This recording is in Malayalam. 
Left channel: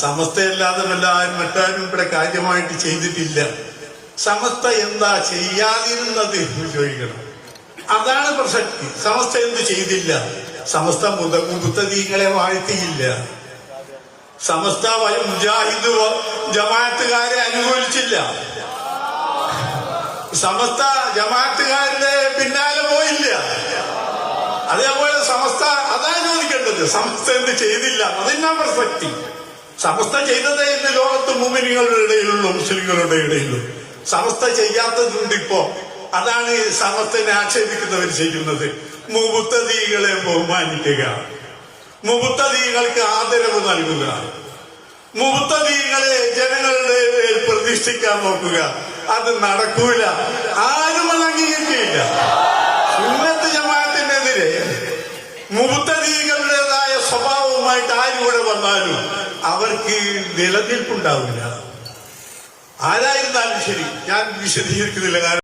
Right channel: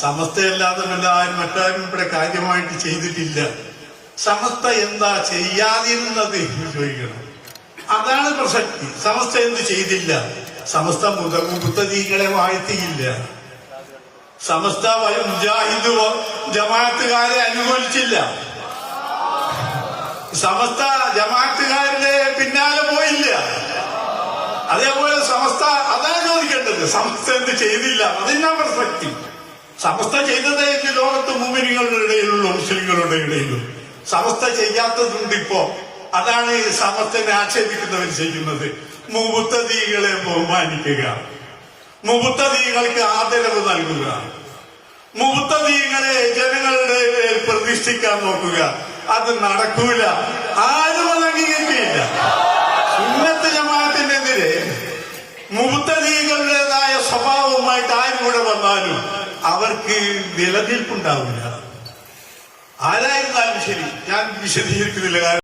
സമസ്തയല്ലാതെ വല്ലാരും മറ്റാരും ഇവിടെ കാര്യമായിട്ട് ചെയ്തിട്ടില്ല. സമസ്ത എന്താ ചെയ്യാതിരുന്നത് ചോദിക്കണം. അതാണ് പ്രസക്തി. സമസ്ത എന്ത് ചെയ്തില്ല? സമസ്ത മുത്തദീങ്ങളെ വാഴ്ത്തിയില്ല. സമസ്ത മുജാഹിദ് ജമാഅത്തുകാരെ അനുകൂലിച്ചില്ല. സമസ്ത ജമാഅത്തുകാരുടെ പിന്നാലെ പോയില്ല. അതേപോലെ സമസ്ത അതാണ് ചോദിക്കേണ്ടത്. സമസ്ത എന്ത് ചെയ്തില്ല? അതിനാ പ്രസക്തി. സമസ്ത ചെയ്തതേ ഇന്ന് ലോകത്ത് മുഅ്മിനീങ്ങളുടെ ഇടയിലുള്ളൂ, മുസ്ലിങ്ങളുടെ ഇടയിലുള്ളൂ. സമസ്ത ചെയ്യാത്തതുണ്ട് ഇപ്പോ. അതാണ് സമസ്തനെ ആക്ഷേപിക്കുന്നവർ ചെയ്യുന്നത്. മുബത്തദീകളെ ബഹുമാനിക്കുക, മുബത്തദീകൾക്ക് ആദരവ് നൽകുക, മുബത്തദീകളെ ജനങ്ങളുടെ പ്രതിഷ്ഠിക്കാൻ നോക്കുക. അത് നടക്കൂല. ആരും അത് അംഗീകരിക്കില്ല. സുന്നത്ത് ജമാഅത്തിനെതിരെ മുബത്തദീകളുടേതായ സ്വഭാവവുമായിട്ട് ആരിവിടെ വന്നാലും അവർക്ക് നിലനിൽപ്പുണ്ടാവില്ല. ആരായിരുന്നാലും ശരി, ഞാൻ വിശദീകരിക്കുന്നില്ല.